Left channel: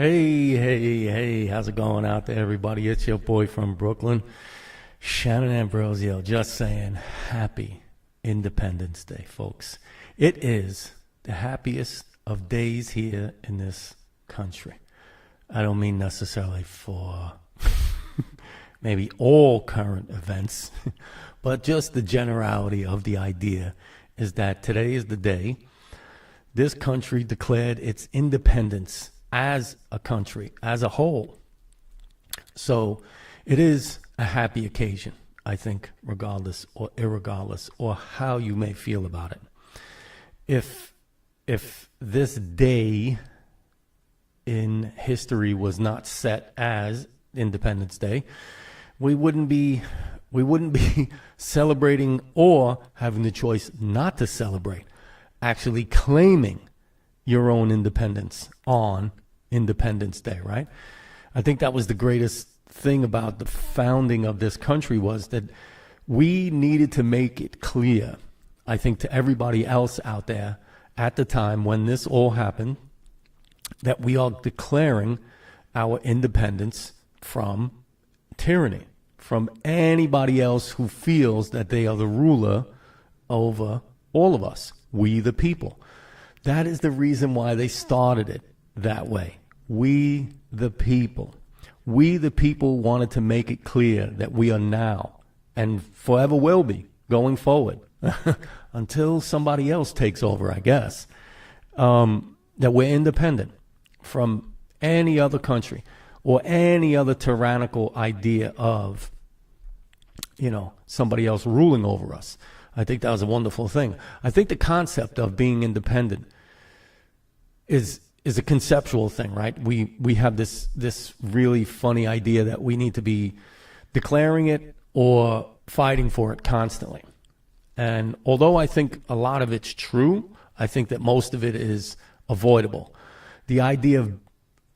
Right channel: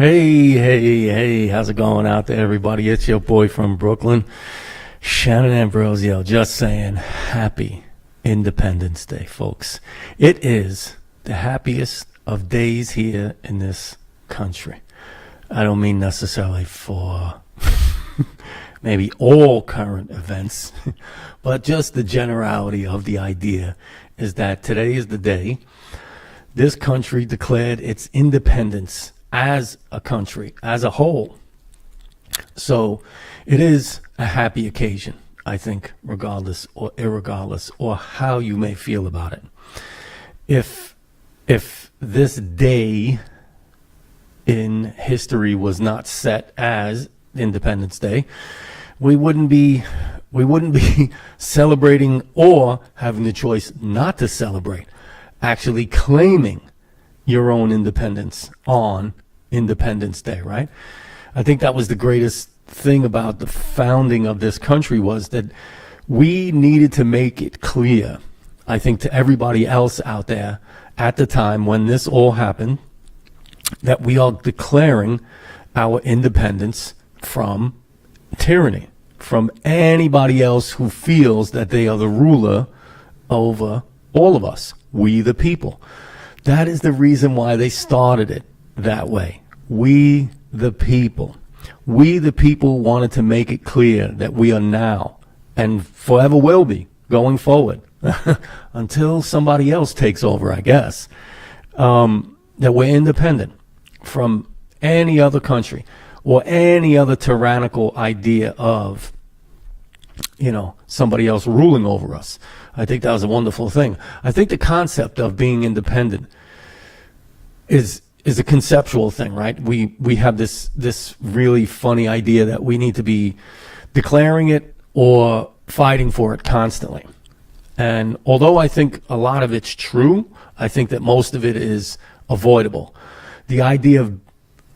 Hey, how's it going out there, everybody? It's your boy from Brooklyn, Shannon Ambrosio, just saying happy Independence Day, folks. It is the happiest of days here in this country. I don't mean necessarily for maybe all current events, but just the generality of the idea is that today is the day this country declared its independence as a country, as a whole. So it is a happy occasion, I think, regardless or irregardless, or how you may feel about it. If this day in history was not set as Independence Day, we wouldn't be celebrating or having the choice not to celebrate, actually claiming your own independence on Independence Day, right? I think that was the greatest thing about the founding of this country, was that we needed to make it clear, I think, to everybody else out there at the time when this all happened, that we are declaring our independence from tyranny, from anybody else who feels that they are the ruler over all of us, we the people. That is the reason why they started it that way. We the people. We the people wanted to make it clear that we are now and forever will be going forward until somebody else takes over, I guess, that we're independent from any other country or any other tyrannical idea of, somebody else ruling over us. I think that was a wonderful thing. I think the concept of being independent is a conceptual thing, right? We have this really funny idea that we need to be declaring it or fighting for it constantly. And although I think a lot of it's true, I think that most of it is avoidable. The idea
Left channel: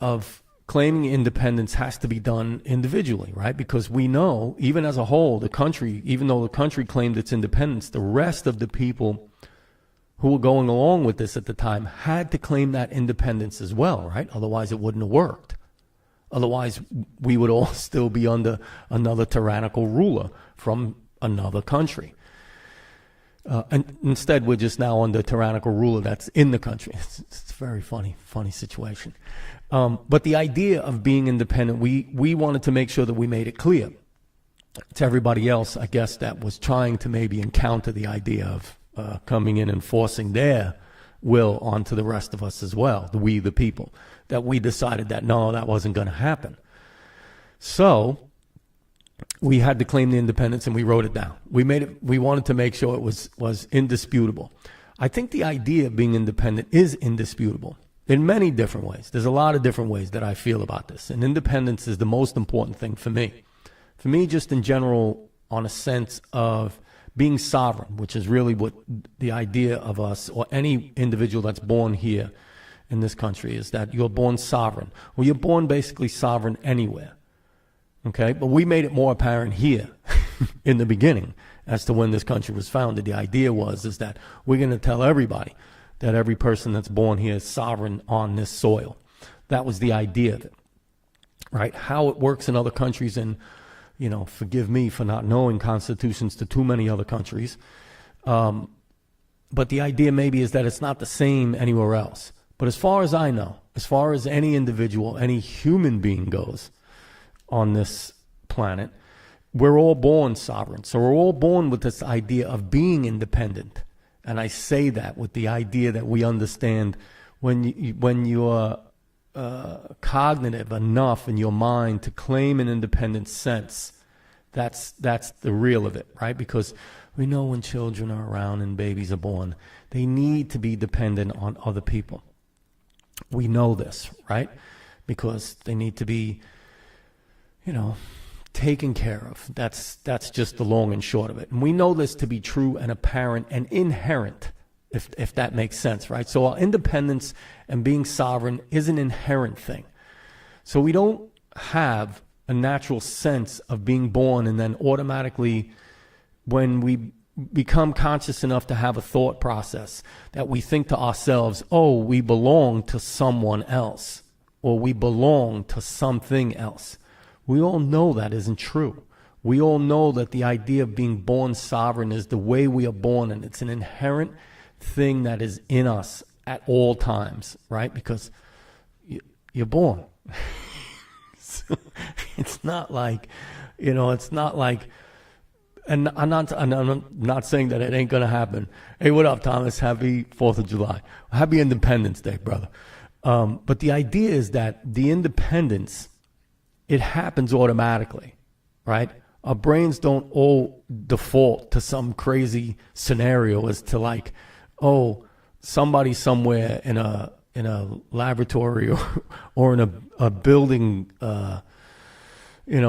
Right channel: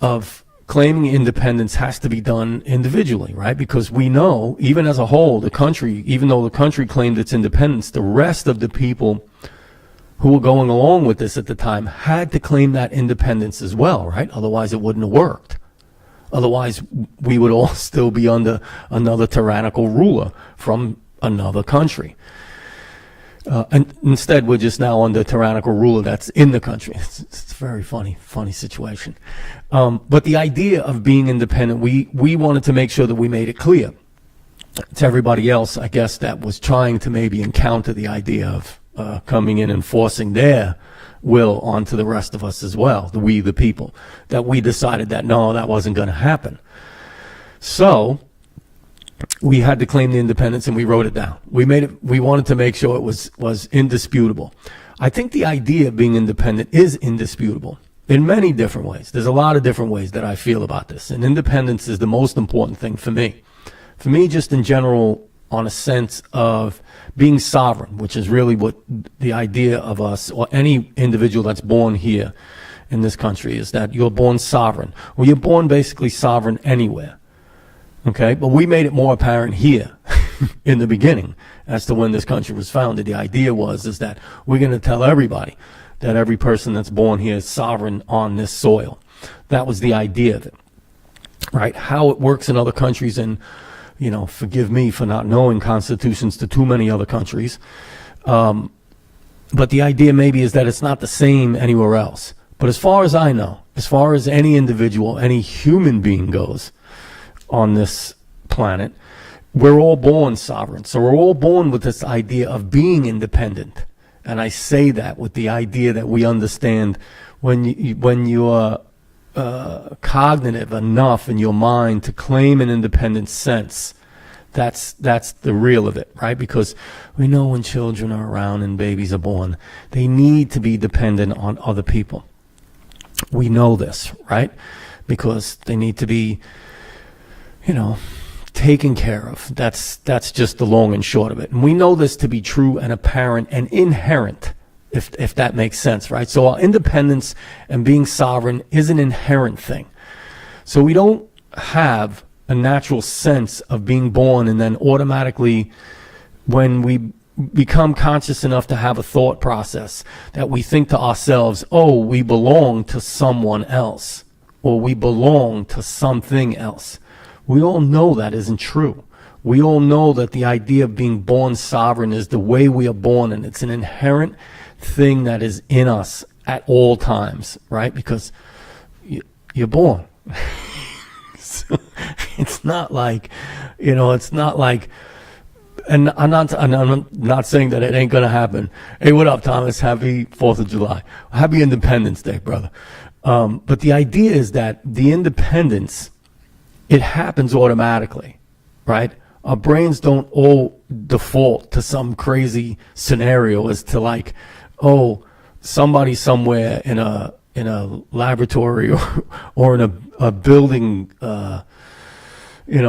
of claiming independence has to be done individually, right? Because we know, even as a whole, the country, even though the country claimed its independence, the rest of the people who were going along with this at the time had to claim that independence as well, right? Otherwise it wouldn't have worked. Otherwise we would all still be under another tyrannical ruler from another country. And instead we're just now under a tyrannical ruler that's in the country. It's a very funny situation. But the idea of being independent, we wanted to make sure that we made it clear to everybody else, I guess, that was trying to maybe encounter the idea of coming in and forcing their will onto the rest of us as well, we the people, that we decided that no, that wasn't going to happen. So we had to claim the independence, and we wrote it down. We wanted to make sure it was indisputable. I think the idea of being independent is indisputable in many different ways. There's a lot of different ways that I feel about this, and independence is the most important thing for me. For me, just in general, on a sense of being sovereign, which is really what the idea of us, or any individual that's born here in this country, is that you're born sovereign. Well, you're born basically sovereign anywhere. Okay, but we made it more apparent here in the beginning as to when this country was founded. The idea is that we're going to tell everybody that every person that's born here is sovereign on this soil. That was the idea of it, right? How it works in other countries, and forgive me for not knowing constitutions to too many other countries, but the idea maybe is that it's not the same anywhere else. But as far as I know, as far as any individual, any human being goes on this planet, we're all born sovereign. So we're all born with this idea of being independent. And I say that with the idea that we understand when you're cognitive enough in your mind to claim an independent sense, that's the real of it, right? Because we know when children are around and babies are born, they need to be dependent on other people. We know this, right? Because they need to be taken care of. That's just the long and short of it. And we know this to be true and apparent and inherent, if that makes sense, right? So our independence and being sovereign is an inherent thing. So we don't have a natural sense of being born and then automatically, when we become conscious enough to have a thought process, that we think to ourselves, oh, we belong to someone else. or we belong to something else. We all know that isn't true. We all know that the idea of being born sovereign is the way we are born, and it's an inherent thing that is in us at all times, right? Because you're born. So it's not like, it's not like, and I'm not saying that it ain't gonna happen. Hey, what up, Thomas? Happy 4th of July. Happy Independence Day, brother. But the idea is that the independence, it happens automatically, right? Our brains don't all default to some crazy scenario as to like, oh, somebody somewhere in a laboratory or in a building,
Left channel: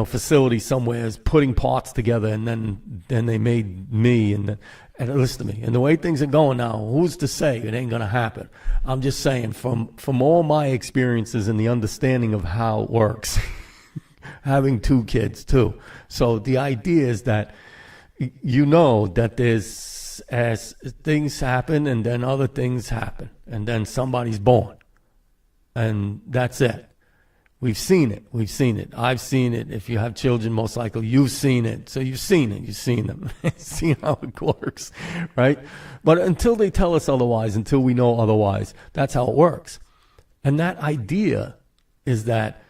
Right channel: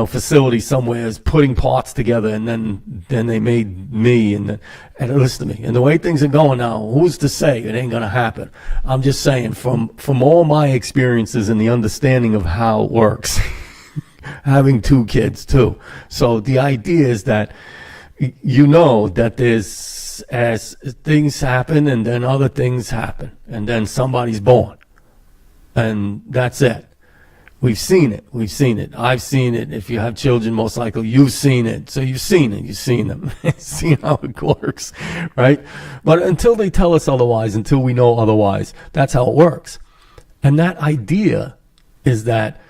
facility somewhere is putting parts together, and then they made me, and listen to me. And the way things are going now, who's to say it ain't gonna happen? I'm just saying, from all my experiences and the understanding of how it works, having 2 kids too. So the idea is that that there's, as things happen, and then other things happen, and then somebody's born, and that's it. We've seen it. I've seen it. If you have children, most likely you've seen it. So you've seen it. You've seen them. Seen how it works, right? But until they tell us otherwise, until we know otherwise, that's how it works. And that idea is that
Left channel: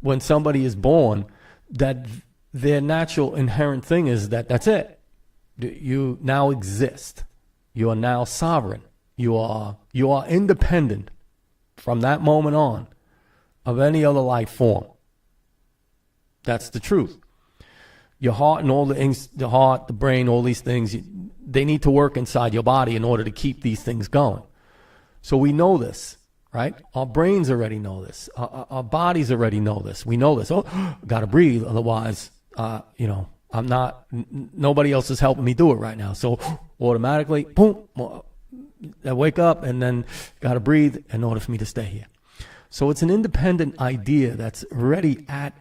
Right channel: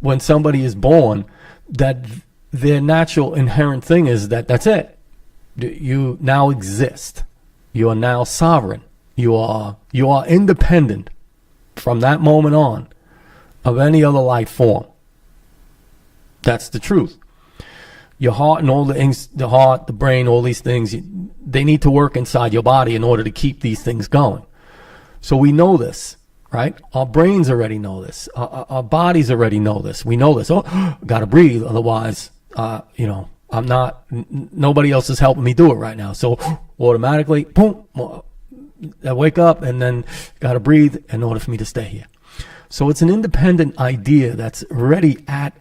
when somebody is born, that their natural inherent thing is that that's it. You now exist. You are now sovereign. You are independent from that moment on of any other life form. That's the truth. Your heart and all the things, the heart, the brain, all these things, they need to work inside your body in order to keep these things going. So we know this, right? Our brains already know this. Our bodies already know this. We know this. Oh, gotta breathe. Otherwise, I'm not, nobody else is helping me do it right now. So automatically, boom, I wake up and then gotta breathe in order for me to stay here. So it's an independent idea that's already that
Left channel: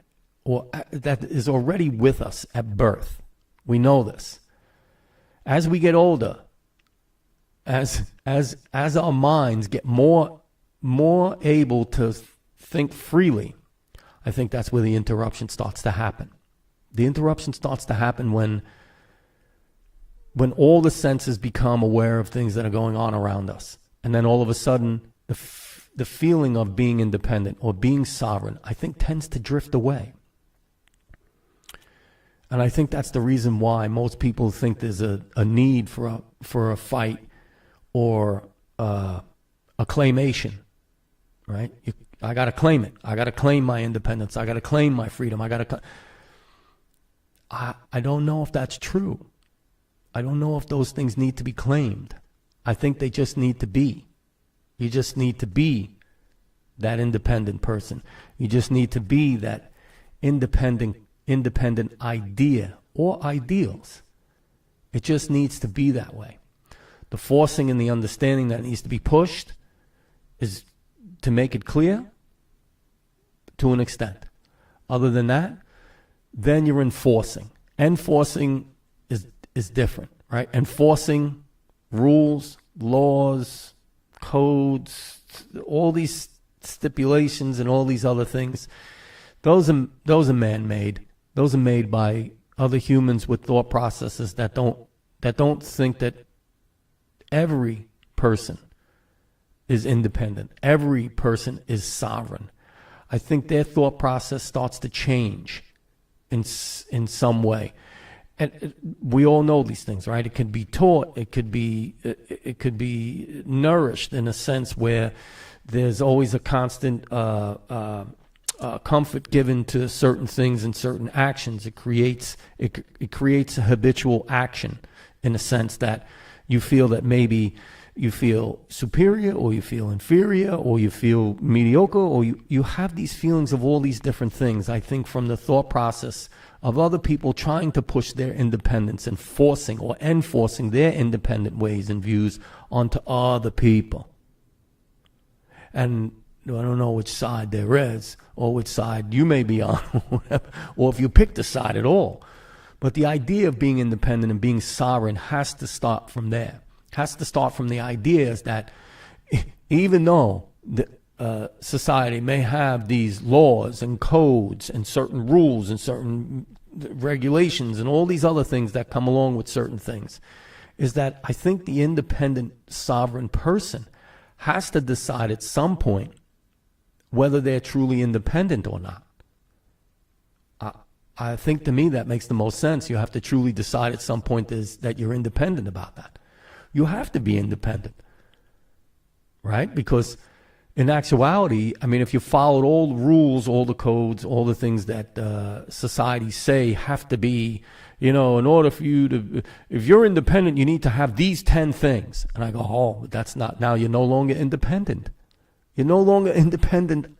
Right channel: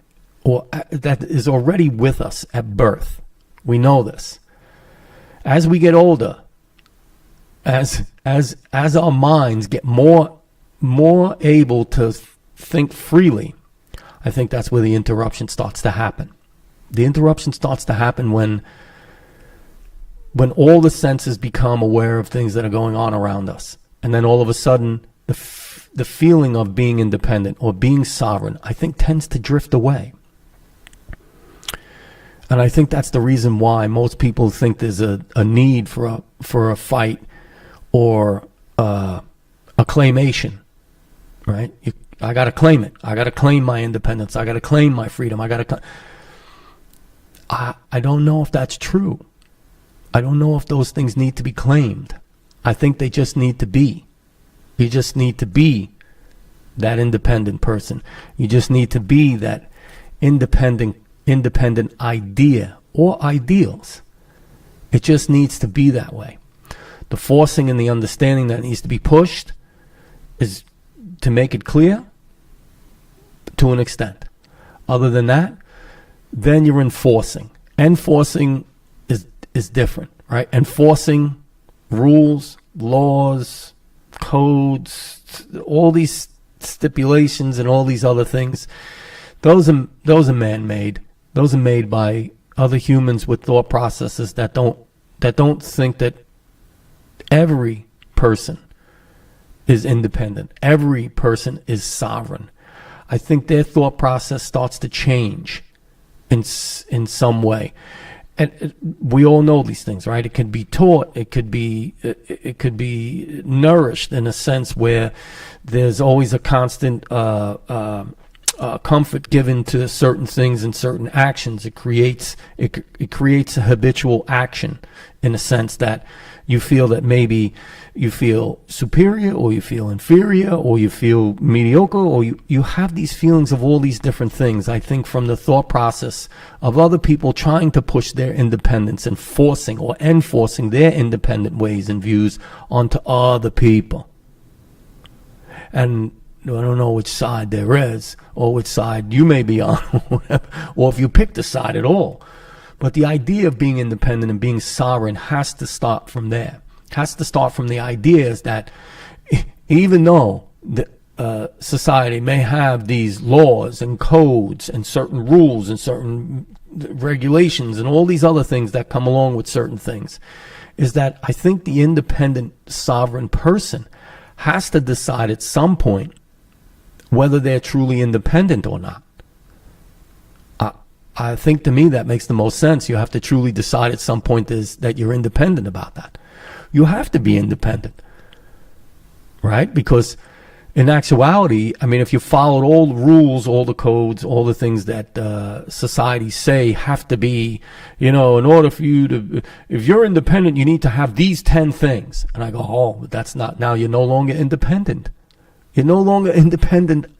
is already with us at birth. We know this. As we get older, as our minds get more able to think freely, I think that's where the interruption starts to happen. The interruption starts to happen when all the senses become aware of things that are going on around us, and then all of a sudden the feeling of being independent or being sovereign, I think, tends to drift away. And I think that's the reason why most people think there's a need for a fight or a claimation, right? I got to claim it. I got to claim my independence. I got to claim my freedom. I don't know if that's true. I don't know if those things need to be claimed. I think they just need to be. You just need to be that independent person. You just need to be that independent idea or ideals. It just needs to be that way. The forcing and the understanding that needs to be pushed is to make it clear to an extent. Other than that, then you're enforcing. Enforcing is different, right? Enforcing rules, laws, codes, all these stipulations and all these other things, those are man-made. Those are made by other humans with thought processes that don't think that every person is independent. Every person is sovereign. I think their thought process starts to change in some way. And we all know these things, right? It can be taught. It could be nourished in a sense where there's always a constant comfort given to certain things and certain actions. It creates a habitual action in a sense that you feel that maybe you feel superior or you feel inferior or you feel mediocre or you have these feelings of all these different things. I think from the thought process of other people trying to push their independence and forcing or enforcing their independent ways and views onto other people. And I don't know which side there is or which side you may be on or if you picked a side at all. But the idea of being independent and being sovereign has to start from there. Has to start from the idea is that even though society may have these laws and codes and certain rules and certain regulations and all these other things that come along with certain things, is that I think the independent sovereign person has to decide at some point whether they're truly independent or not. I think to me that makes the most sense. You have to truly decide at some point that you're independent about that. You have to be independent, right? Because in actuality, I mean, if you followed all the rules, all the codes, all the things that society say have to be, in order for you to, if you're independent, you need to have these 10 things. And I go, oh, but that's not, now you're no longer independent. You're no longer independent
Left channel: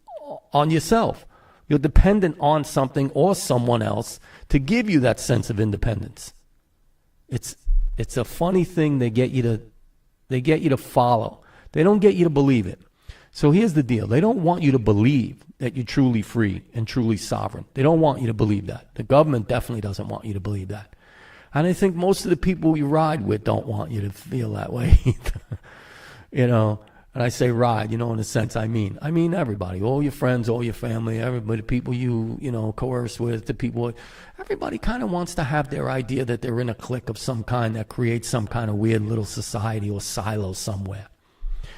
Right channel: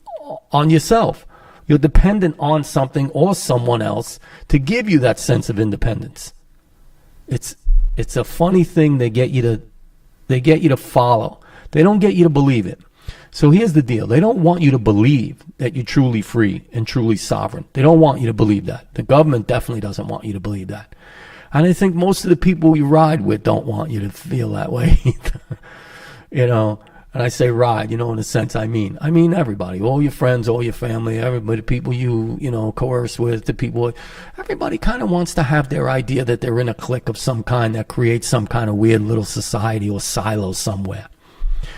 on yourself. You're dependent on something or someone else to give you that sense of independence. It's a funny thing they get you to follow. They don't get you to believe it. So here's the deal. They don't want you to believe that you're truly free and truly sovereign. They don't want you to believe that. The government definitely doesn't want you to believe that. And I think most of the people you ride with don't want you to feel that way either. And I say ride, in a sense I mean everybody, all your friends, all your family, everybody, people you coerce with, the people, everybody kind of wants to have their idea that they're in a clique of some kind that creates some kind of weird little society or silo somewhere.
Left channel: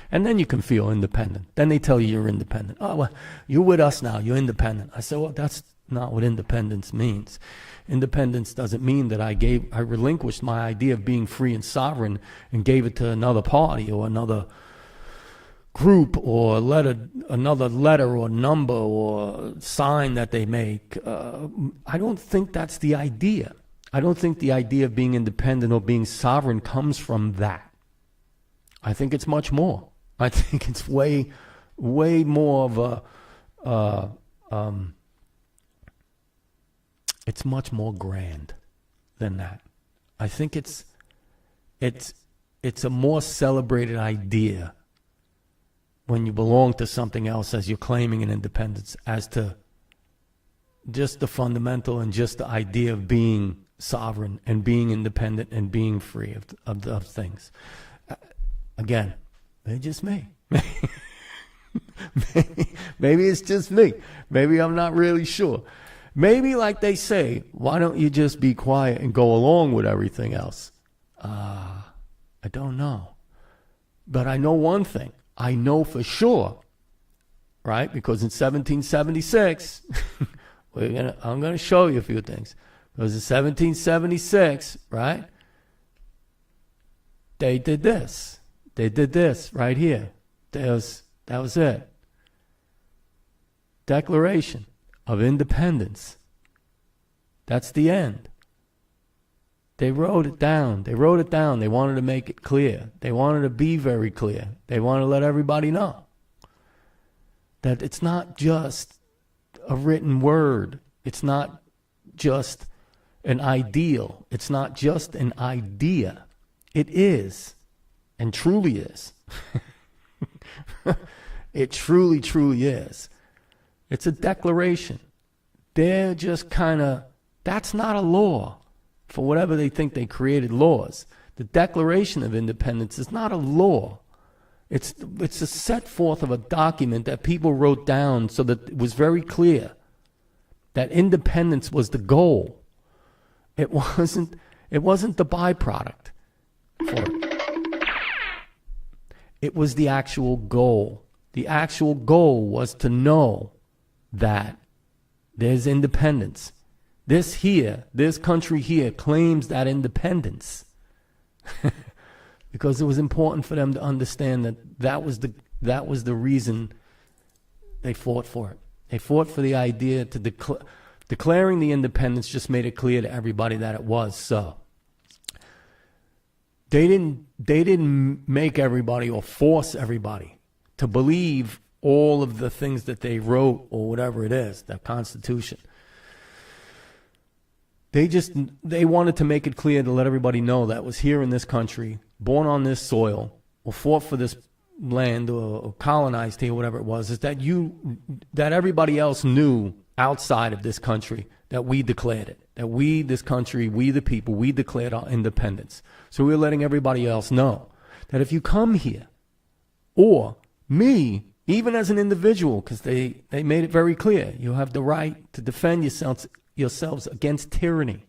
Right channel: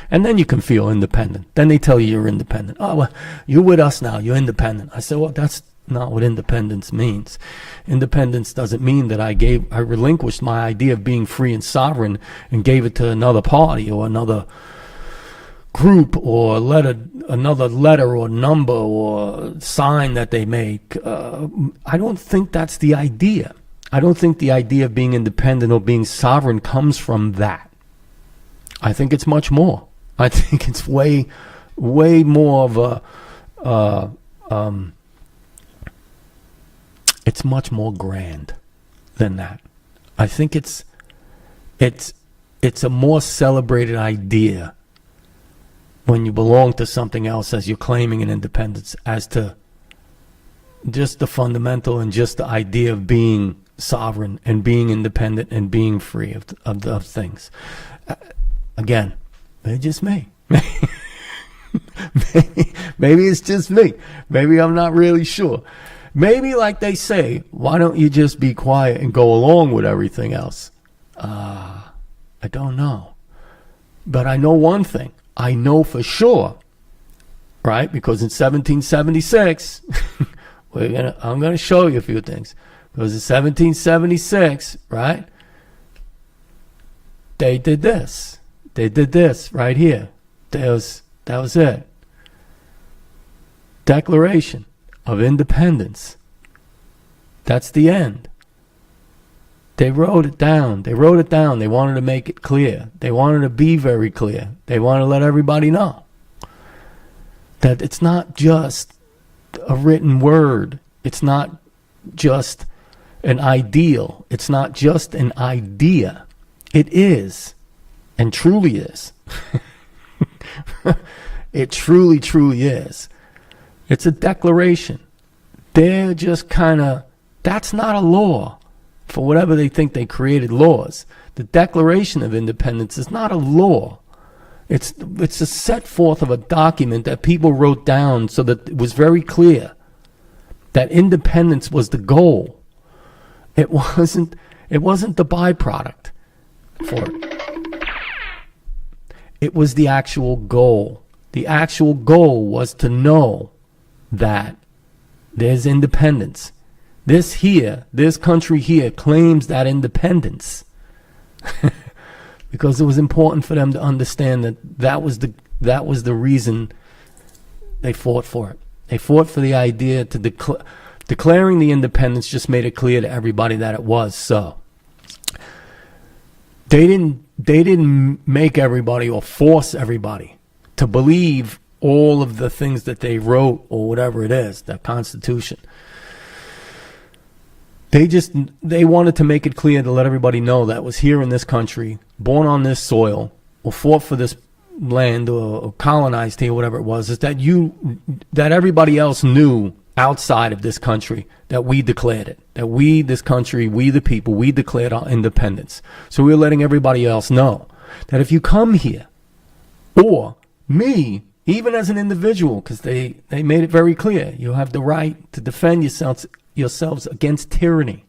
And then you can feel independent. Then they tell you you're independent. Oh, well, you're with us now, you're independent. I said, well, that's not what independence means. Independence doesn't mean that I relinquished my idea of being free and sovereign and gave it to another party or another group or another letter or number or sign that they make. I don't think that's the idea. I don't think the idea of being independent or being sovereign comes from that. I think it's much more. I think it's way more of it's much more grand than that. I think it's a more celebrated idea when you belong to something else as you're claiming an independence, as to just the fundamental and just the idea of being sovereign and being independent and being free of things. Again, maybe just me. Maybe it's just me. Maybe I'm not really sure. Maybe, like they say, why don't you just be quiet and go along with everything else? I don't know. But I know one thing. I know for sure, right? Because in 1776, I'm gonna show you a few things. Because in 1776, right? They did this. They did this right here. That was it. Declaration of Independence. That's the end. They wrote it down. They wanted to make it clear. They wanted to be very clear. They wanted to let everybody know that it's not just a written word. It's not just an ideal. It's not just an idea. It is, and truly is. It truly, truly is. It's a declaration. They're just that's not a law. For whatever they think they created laws. The Declaration of Independence is not a law. It's a set forth of a document that people wrote down so that it was very clear that independence was the goal. It wasn't the byproduct for it. It was the actual goal. The actual goal was to know that there's independence. This country here claims that independence because it was important for them to understand that was the reason they fought for it. They fought for the idea to declaring the independence just made it clear to everybody that it was so. They didn't make everybody or force everybody to believe all of the things that they wrote or whatever it is, that Constitution. They wanted to make it clear to let everybody know that was here in this country, born on this soil, or fought for this land, or colonized here, whatever it was, is that everybody else knew outside of this country that we declared it, that we, this country, we the people, we declared our independence. So we were letting everybody else know that if you come here, or me, even as an individual, because they made it very clear. You have the right to defend yourselves against tyranny.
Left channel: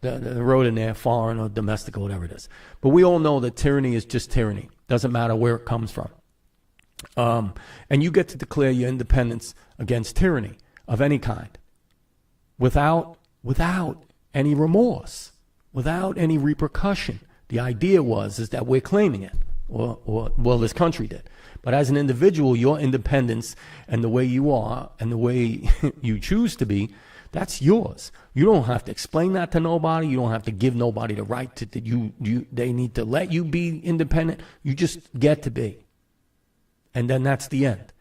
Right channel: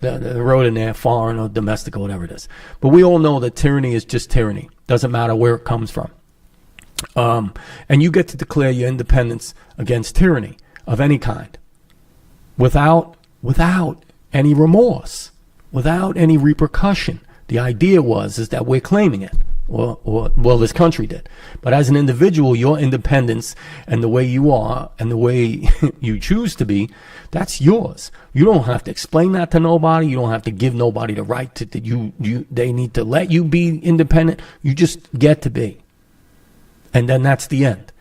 They wrote in there, foreign or domestic or whatever it is. But we all know that tyranny is just tyranny. Doesn't matter where it comes from. And you get to declare your independence against tyranny of any kind without any remorse, without any repercussion. The idea is that we're claiming it. Well, this country did. But as an individual, your independence and the way you are and the way you choose to be, that's yours. You don't have to explain that to nobody. You don't have to give nobody the right to they need to let you be independent. You just get to be. And then that's the end.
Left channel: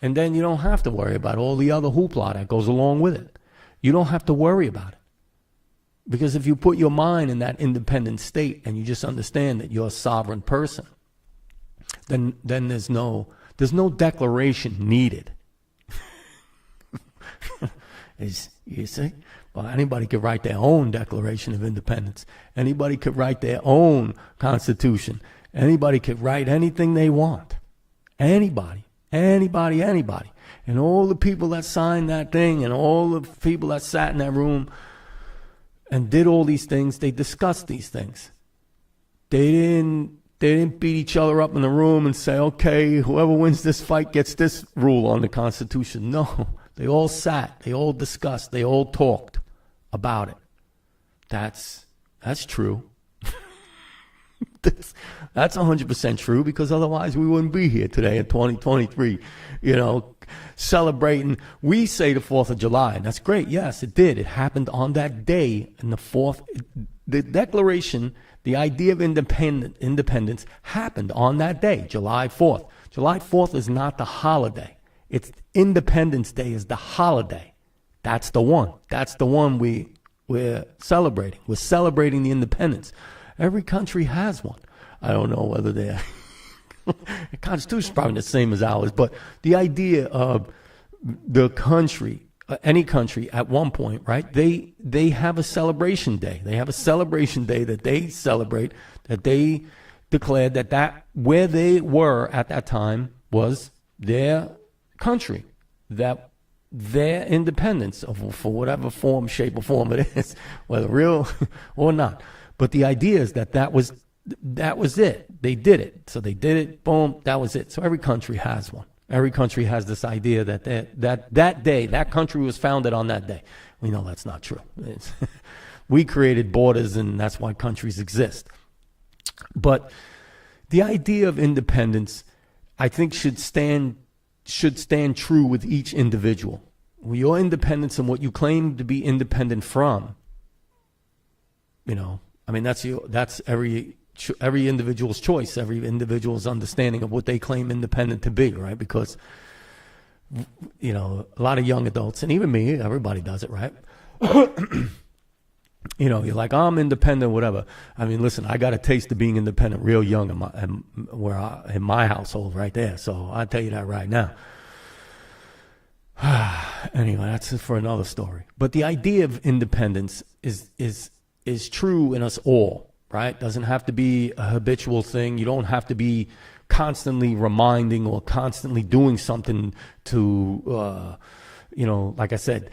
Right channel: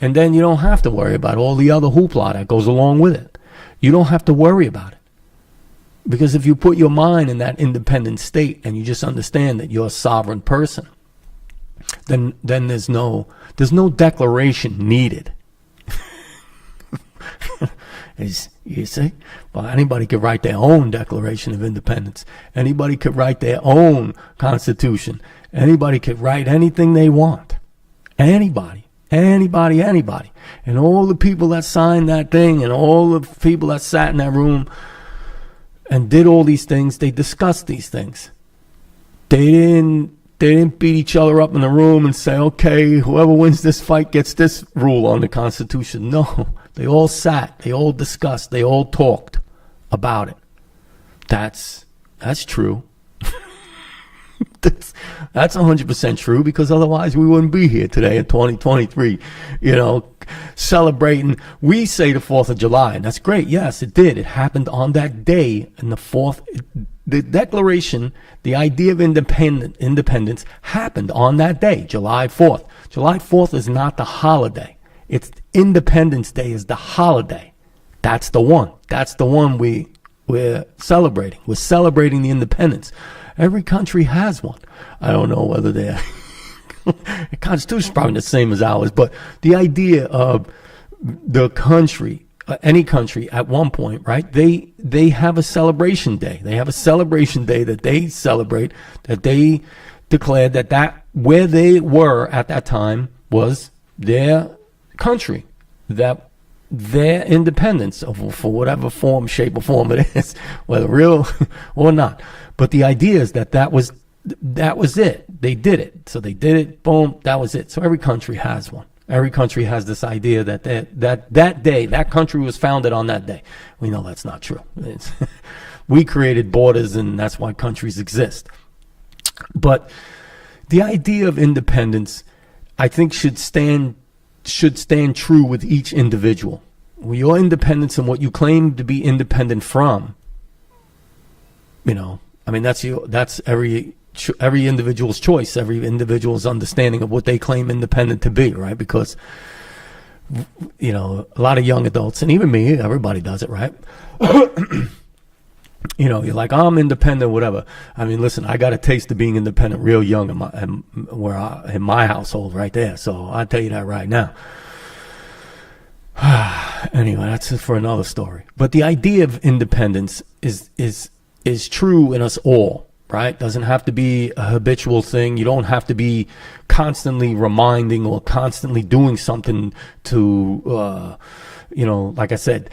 And then you don't have to worry about all the other hoopla that goes along with it. You don't have to worry about it. Because if you put your mind in that independent state and you just understand that you're a sovereign person, then there's no declaration needed. You see? Well, anybody could write their own Declaration of Independence. Anybody could write their own Constitution. Anybody could write anything they want. Anybody. And all the people that signed that thing and all the people that sat in that room and did all these things, they discussed these things. They didn't beat each other up in the room and say, okay, whoever wins this fight gets this rule on the Constitution. No, they all sat, they all discussed, they all talked about it. That's true. That's 100% true, because otherwise we wouldn't be here today in 2023, celebrating. We say the 4th of July, and that's great. Yes, it did. It happened on that day, and the Declaration, the idea of independence happened on that day, July 4th. July 4th is not the holiday. It's Independence Day is the holiday. That's the one. That's the one we're celebrating. We're celebrating the independence. Every country has one. I don't know whether they're the Constitution is probably the same as ours, but the idea of the country, any country at one point, right? They have a celebration day. They have a celebration day that they celebrate, that they declare that where they were at that time was their country, that their independence, for whatever form, shape, or form it is, whether real or not. But the idea is that was it. They did it. So they did it. Boom. That was it. So every country has one. Every country has this idea that day, that country was founded on that day. We know that's not true. We created borders, and that's why countries exist. But the idea of independence, I think, should stand true with each individual. Your independence and what you claim to be independent from, that's every individual's choice, every individual's understanding of what they claim independent to be, right? Because, a lot of young adults, and even me, everybody does it, right? You're like, I'm independent, whatever. I mean, listen, I got a taste of being independent real young in my household right there. So I'll tell you that right now. Anyway, that's for another story. But the idea of independence is true in us all, right? Doesn't have to be a habitual thing. You don't have to be constantly reminding or constantly doing something to, like I said,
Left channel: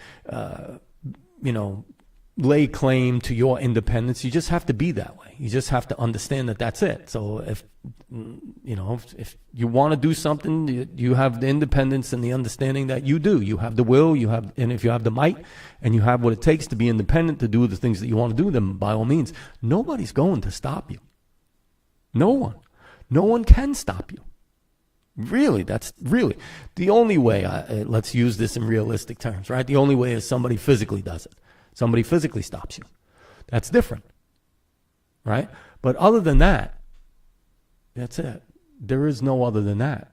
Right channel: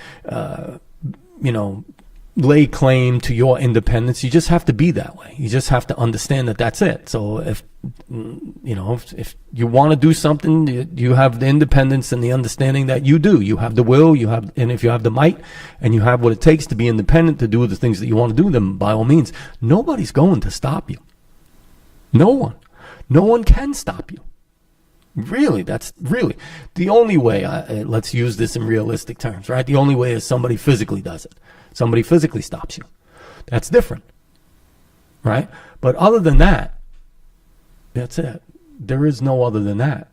lay claim to your independence. You just have to be that way. You just have to understand that that's it. So if you want to do something, you have the independence and the understanding that you do. You have the will, and if you have the might and you have what it takes to be independent, to do the things that you want to do, then by all means, nobody's going to stop you. No one can stop you. Really, that's really the only way. Let's use this in realistic terms, right? The only way is somebody physically does it. Somebody physically stops you. That's different, right? But other than that, that's it. There is no other than that.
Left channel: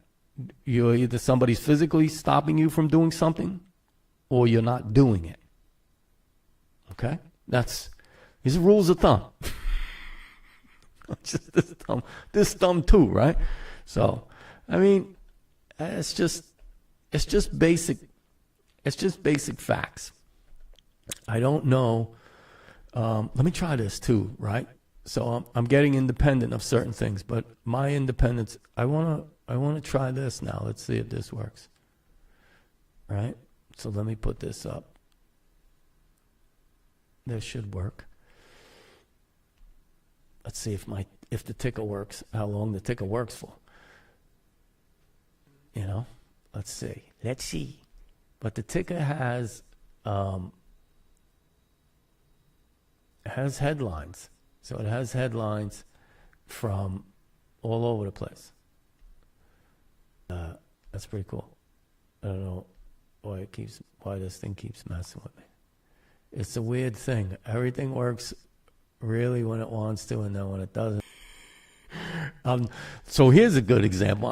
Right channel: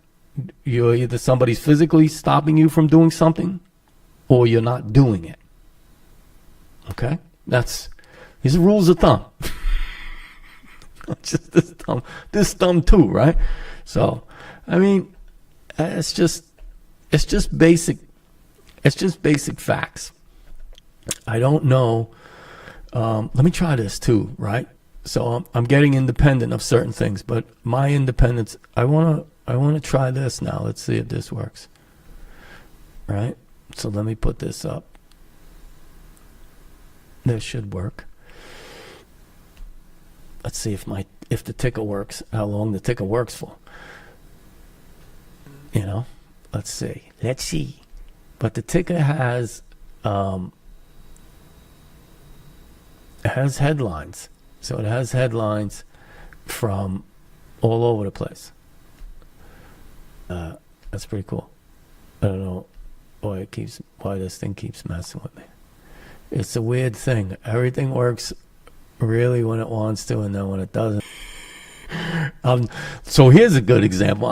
You're either somebody's physically stopping you from doing something, or you're not doing it. Okay? These are rules of thumb. Just this thumb too, right? So, I mean, it's just basic facts. I don't know. Let me try this too, right? So I'm getting independent of certain things, but my independence, I want I want to try this now. Let's see if this works. Right? So let me put this up. This should work. Let's see if the ticker works, how long the ticker works for. You know, let's see. But the ticker has headlines. So it has headlines from all over the place. That's pretty cool. I don't know why this thing keeps messing with me. It's a weird thing. Everything works really when it wants to, and then when it doesn't. So here's a good example.